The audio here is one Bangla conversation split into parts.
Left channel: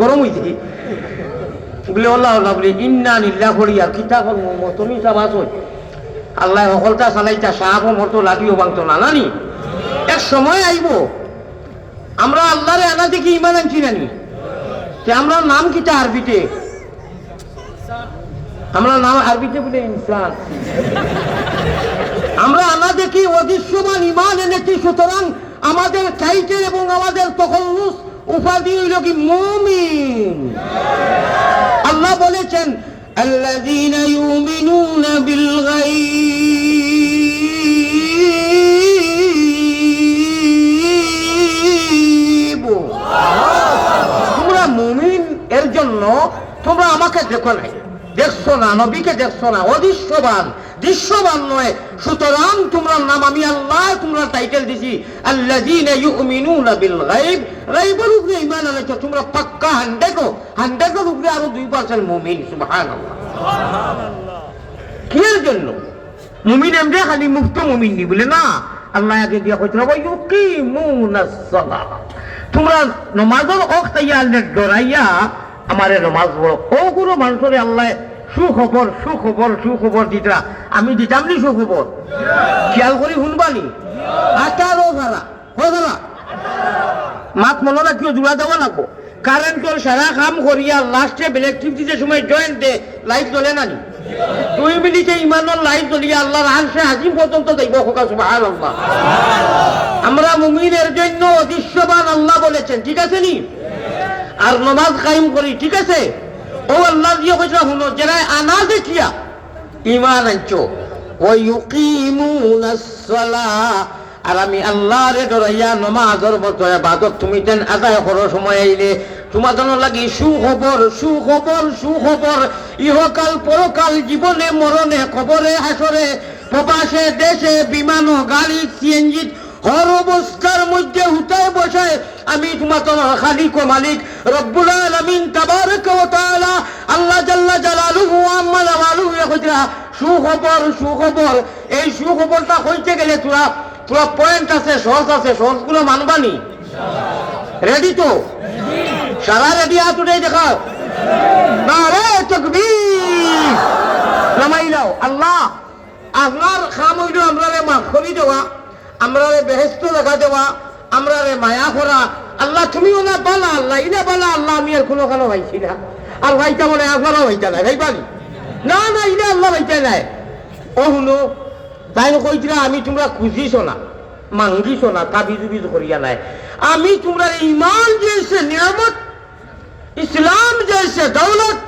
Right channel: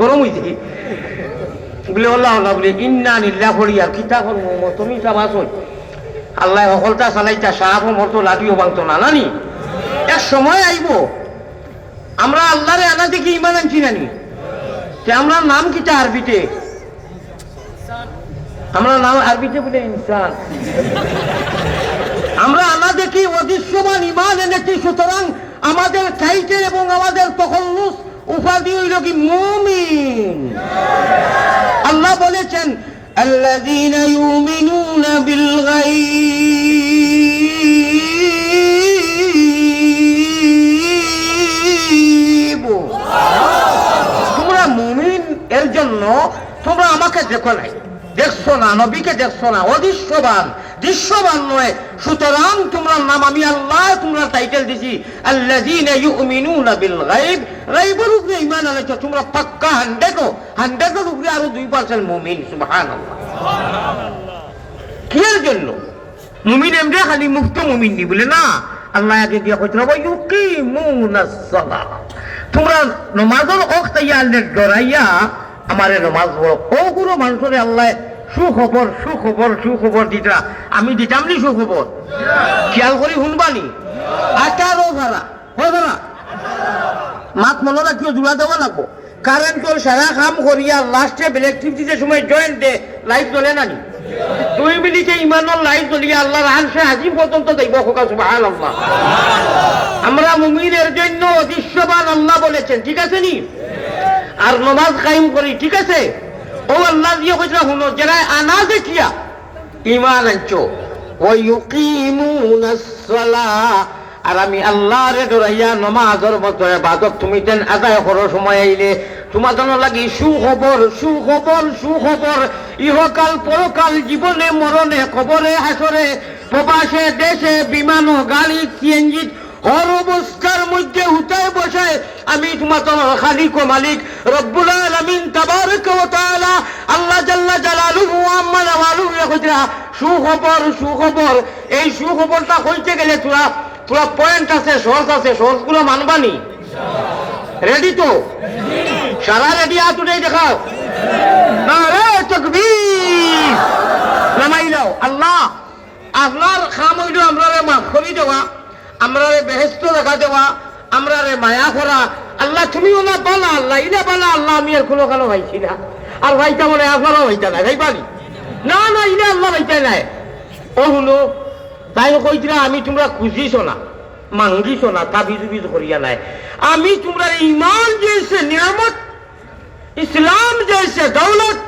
গরম হয়েছে কি বলে আল্লাহ বলে ইন্না নিল্লা করিয়া কিতা করবো তুমি চাবাস আল্লাহ সকলটা চালাইতা সাহাব মতো লাঠিও ভাঙতো না নানি এক সময় আইব আমরা আল্লাহরে আনা দেখি ইমান আনছি নানি আমরা নাম কিতা আরবিতে আমরা নাম আরবিতে বলে ইনসান আমরা আনা দেখি অদৃশ্যমান ইমান এনেছি সুতরাং আমাদের টাইটেল এবং আমাদের তখল্লুস উপাধি হইল কি মুমিন আল্লাহ বলেছেন আল্লাযীনা ইউমিনুনা বিল গায়ব তোমরা মুমিন এর জন্য তোমরা আমাকে দেখো নাই দেখছো না নবীকে দেখছো না অদৃশ্যবান দৃশ্যবান নয় সুতরাং তোমরা নাম আমি আল্লাহ তোমরা টাইটেল দিছি আল্লাযীনা ইউমিনুনা বিল গায়ব গায়বের উপরে ঈমান আনছো তোমরা পাক্কা 100 এর উপরে আরো 2% মুমিন সুবহানাল্লাহ কিসের জন্য মুমিন এমনি খালি মুক্ত মুমিন নি বলে না আল্লাহ আগে দিয়া কইতো ওয়া ইউকিমুনাস সালাহ তোমরা নামাজের ওয়াক্ত ইয়ালে ডরাইয়া আমারে নামাজ পড়ো ওগুলো মানুষের আল্লাহ সুখবর দিতরা আমি দিতাম নি সুখবর খেয়াল করি শুনবানি 18 ভাড়া মাত মনরা কিয় জোড়া দেওয়া লাগবো কারেন্টের সারা কাম করিয়া লাস্টে ইলেকট্রিসিটির সময় জয়েন্ট দে লাইট জ্বলে নানি 2 মিনিটে ইমানের লাইট জ্বলিয়া আল্লাহর আরশে আজিম পর্যন্ত যাইব সুবহানাল্লাহ আমরা মুমিনের জন্য অদৃশ্যবান আল্লাহ বলেছেন ঠিক আছে নি আর নামাজ কায়েম করি ঠিক আছে ও আল্লাহ দিয়ে কইরা শুনো যারা আনা দেখিয়া ঈমান আনছো ওয়া ইউকিমুনাস সালাহ আর আমি আল্লাহরে ডরাইয়া নামাজের মতো ইবাদত তুমি দেন আদায় করার সময় আইলে তোমার জন্য লাগি সুখবর ইহকাল পরকাল জীবনে মরণে কবরে হাসরে প্রবাসে দেশে বিমান গাড়ি সিএনজি হর অবস্থার মধ্যে হুতায় বসায় আমি তোমার খালিক ও মালিক রব্বুল আলামিন তাবারক ওয়া তাআলা আল্লাহ জাল্লা জালালুহু আম্মা ওয়ালুহু কইরা সুখবর এই সুখবরটা কইতে গেলে তোরা পয়েন্ট আছে সহজগুলো মানবানি রেডি তো সারা রেডি হাত উঠে দেখাও নারে তাকবীর নামাই দাও আল্লাহ আপনার খাম হইল আমরা মাফ করে দেওয়া আমরা বেহেস্ত দেখা দেওয়া আমরা মায়া করা আল্লাহ তুমিও না বালা আল্লাহ ইনা বালা আল্লাহ আমি আর কোনো কালো ভাইছি না আর ভাইটা বলে আপনারও ভাইটা নাই ভাই পারি না ইনা আল্লাহ ভাইটা নাই ও শুনো তাই কইছিলা আমি তোমরা খুঁজিছ না মাঙ্গিছ না তাবিজ করিয়া নাই আমি তোমরা ইমান যেছে নিয়ামত ইসলাম যেছে দৌলত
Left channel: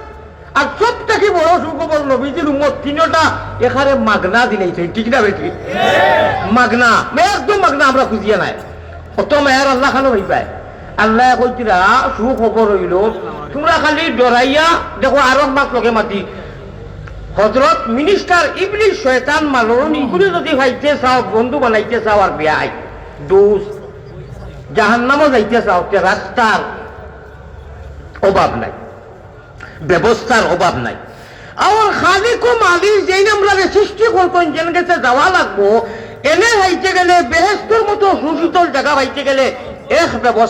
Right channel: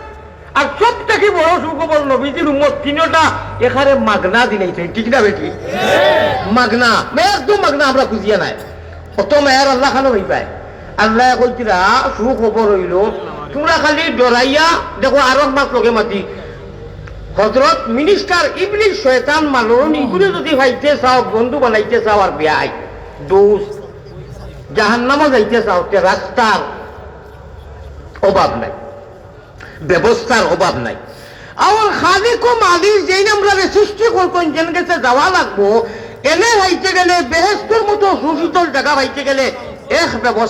আর সব থেকে বড় সুখবর নবীজির উম্মত তিনটা এখানে মাগনা দিলেছে ঠিক না বেটি মাগনা একদম মাগনা আমরা খুঁজিয়া নাই অত মেয়ার আল্লাহ খানো হই পায় আল্লাহ কইছিলা সুখবর হইল তোমরা খালি ডরাইয়া দেখো আর মাক লগে মাতি হযরত মিনিস্টার ইবলিস শয়তান মালুন ইগুলো যদি ভাইতে চাও বন্ধু বানাইতে চাও আর বিয়াই দোস্ত জাহান্নামে যাইতে চাও তে রাস্তার অভাব নাই ব্যবস্থার অভাব নাই আমার খালিক ও মালিক যেই আমরা সৃষ্টি করতেন যেন কাছে যাওয়া লাগবো এনে হইতে গেলে বেহেশতের মতো সুশীতল জায়গা হইতে গেলে এক ব্যবস্থা